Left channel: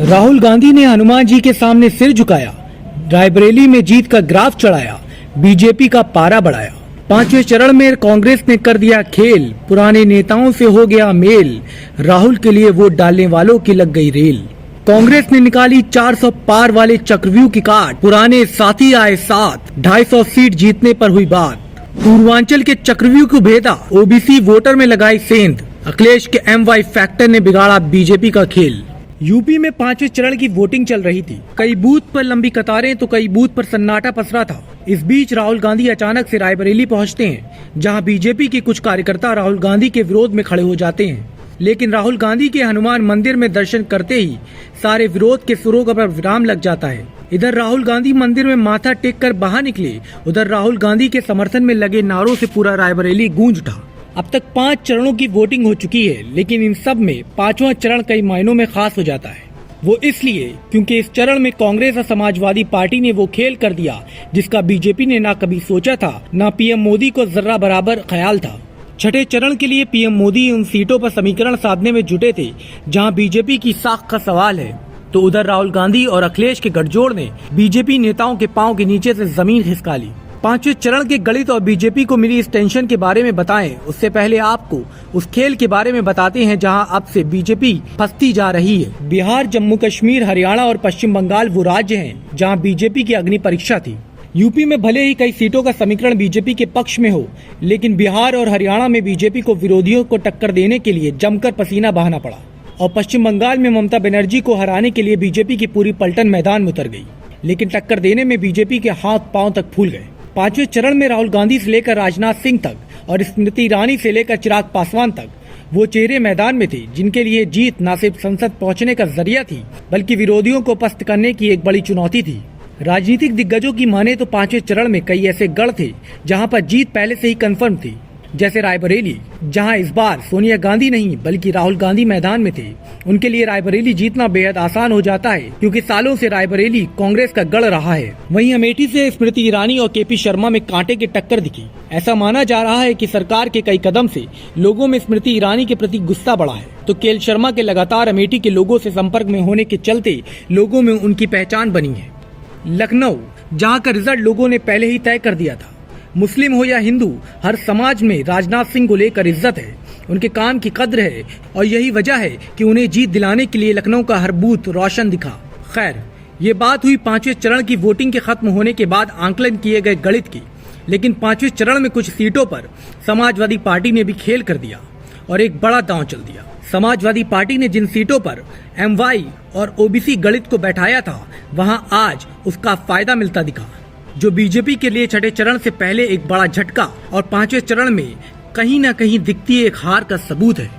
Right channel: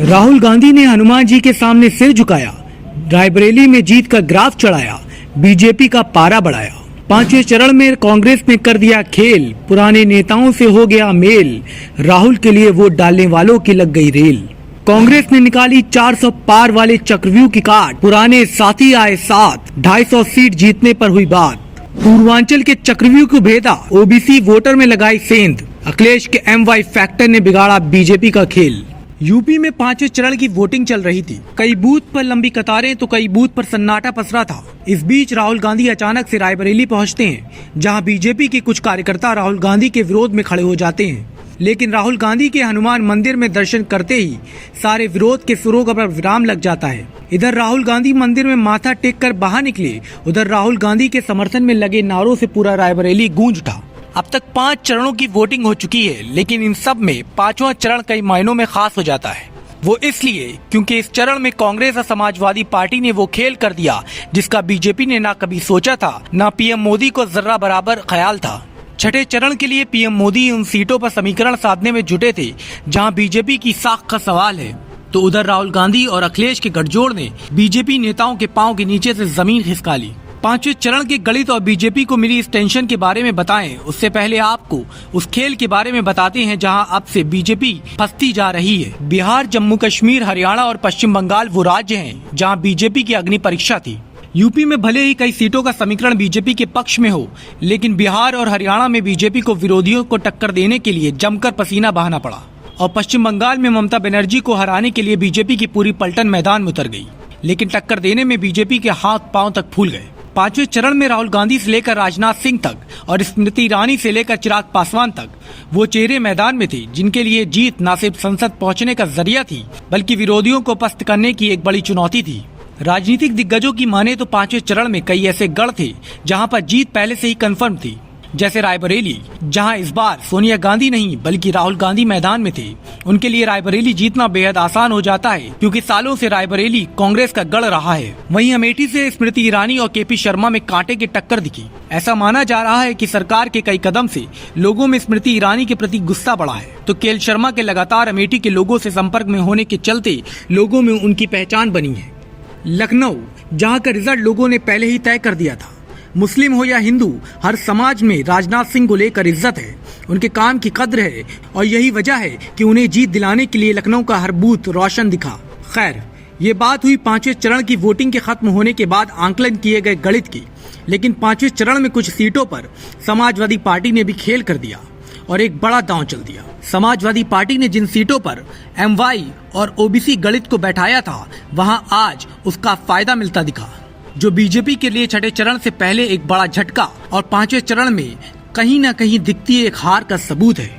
राहुल गांधी ने हनुमान जी के सामने सिर झुकाया, रायबरेली में जीत का ग्राफ चढ़ाया, बीजेपी का पारा बढ़ाया। पांचवें चरण में कांग्रेस ने कर दिया खेल, पुराने नेताओं से हो गया मेल, राहुल के लिए वोट डालने वालों की लग गई रेल। कांग्रेस ने निकाली 400 पार वाले चक्रव्यूह की काट, पुराने साथी आए साथ, 250 सीट जीतने पर हुई बात। पूर्वांचल के चक्रव्यूह को भेदा, ओबीसी वोटर में लगाई सेंध, अखिलेश के MY फैक्टर ने बिगाड़ा बीजेपी का खेल। यूपी में पांचवें चरण की वोटिंग चल रही थी। कई बूथ पर लंबी कतारें तो कई बूथ पर सन्नाटा पसरा था। इस बीच राहुल गांधी अचानक से रायबरेली पहुंचते हैं, जहां बीजेपी के कुछ कार्यकर्ता राहुल गांधी के विरोध में खड़े हो जाते हैं। लेकिन राहुल गांधी के हनुमान मंदिर में दर्शन करते ही सारे विरोध के सुरों पर विराम लग जाता है। इधर राहुल गांधी मंदिर में माथा टेक कर बाहर निकले, उधर राहुल गांधी के समर्थन में लगे नारों से पूरा रायबरेली गूंज उठा। अब तक 5 चरणों की वोटिंग हो चुकी है, लेकिन इन सब में 5वां चरण कई मायनों में खास हो जाता है। वो इसलिए क्योंकि इस चरण में कांग्रेस और समाजवादी पार्टी ने वो खेल कर दिया जिसका बीजेपी ने ना कभी सोचा था, ना पीएम मोदी को जर्रा बराबर ख्याल था। छठे चरण के लिए पीएम मोदी उन सीटों पर समीकरण साधने में जुटे थे जहां बीजेपी की साख का सवाल है, तो उधर राहुल गांधी और अखिलेश के गठजोड़ ने बीजेपी नेताओं के पांव के नीचे से जमीन खिसका ली। 5वें चरण के गणित और बीजेपी को मिली इस टेंशन के बारे में बताएं, उससे पहले आपको उस खेल के बारे में बताते हैं जहां अब से बीजेपी फंसती जा रही है। बिहार, जम्मू कश्मीर, हरियाणा और पश्चिम बंगाल वो राज्य हैं जहां बीजेपी की अग्नि परीक्षा थी। यूपी में भले ही कई सीटों का समीकरण बीजेपी के पक्ष में हो, लेकिन बिहार और हरियाणा में बीजेपी को विरोधियों को टक्कर देने के लिए जमकर पसीना बहाना पड़ा और पश्चिम बंगाल में ममता बनर्जी को हराने के लिए बीजेपी की पूरी पलटन मैदान में उतर गई, लेकिन टक्कर देने में बीजेपी के हाथ पांव तक फूल गए। 5वें चरण में राहुल गांधी से लेकर राजनाथ सिंह तक और स्मृति ईरानी से लेकर चिराग पासवान तक वो चेहरे मैदान में थे जिनके लिए जीत न सिर्फ संसद पहुंचने का जरिया थी, बल्कि विरोधियों को पस्त करने की एक बड़ी चुनौती थी। राजनीतिक दिग्गजों की माने तो 5वें चरण में कई ऐसे गढ़ थे जहां पर जीत पहले से ही कंफर्म थी, जैसे रायबरेली, जहां इस बार सोनिया गांधी नहीं बल्कि राहुल गांधी मैदान में थे। उनके लिए रायबरेली जीतना बेहद आसान हो जाता है क्योंकि सालों से रायबरेली कांग्रेस का गढ़ रहा है। वहीं अमेठी से स्मृति ईरानी और KP शर्मा में कांटे की टक्कर दिखी। ऐसा माना जा रहा है कि सरकार के कई कदम से लोगों में स्मृति ईरानी के प्रति गुस्सा बढ़ा है, तो KL शर्मा के लगातार अमेठी के लोगों से संपर्क में होने के चलते लोगों में उनकी पहचान बनी है। लखनऊ, जहाँ का रिजल्ट लोगों ने पहले ही तय कर दिया था। मुस्लिम हो या हिंदू, हर समाज में राजनाथ सिंह को लेकर इज्जत है, उनके काम की कद्र है और यही वजह है कि उन्हें जीत दिलाने के लिए लखनऊ का हर बूथ रोशन दिखा। खैर, ये बात हुई 5वें चरण की वोटिंग के खत्म होने के बाद आंकलन किए गए गणित की, लेकिन 5वें चरण में कुछ सीटों पर समाजवादी पार्टी ने भी खेल कर दिया और एक बड़ा दांव चल दिया। समाजवादी पार्टी ने जिन सीटों पर MY और OBC गणित को बैठाया था, वहां आज उसका फायदा मिलता दिखा, जो बीजेपी के लिए छठे चरण से पहले एक बड़ा झटका और 5वें चरण में कहीं न कहीं दिखती एक हार का सबूत है।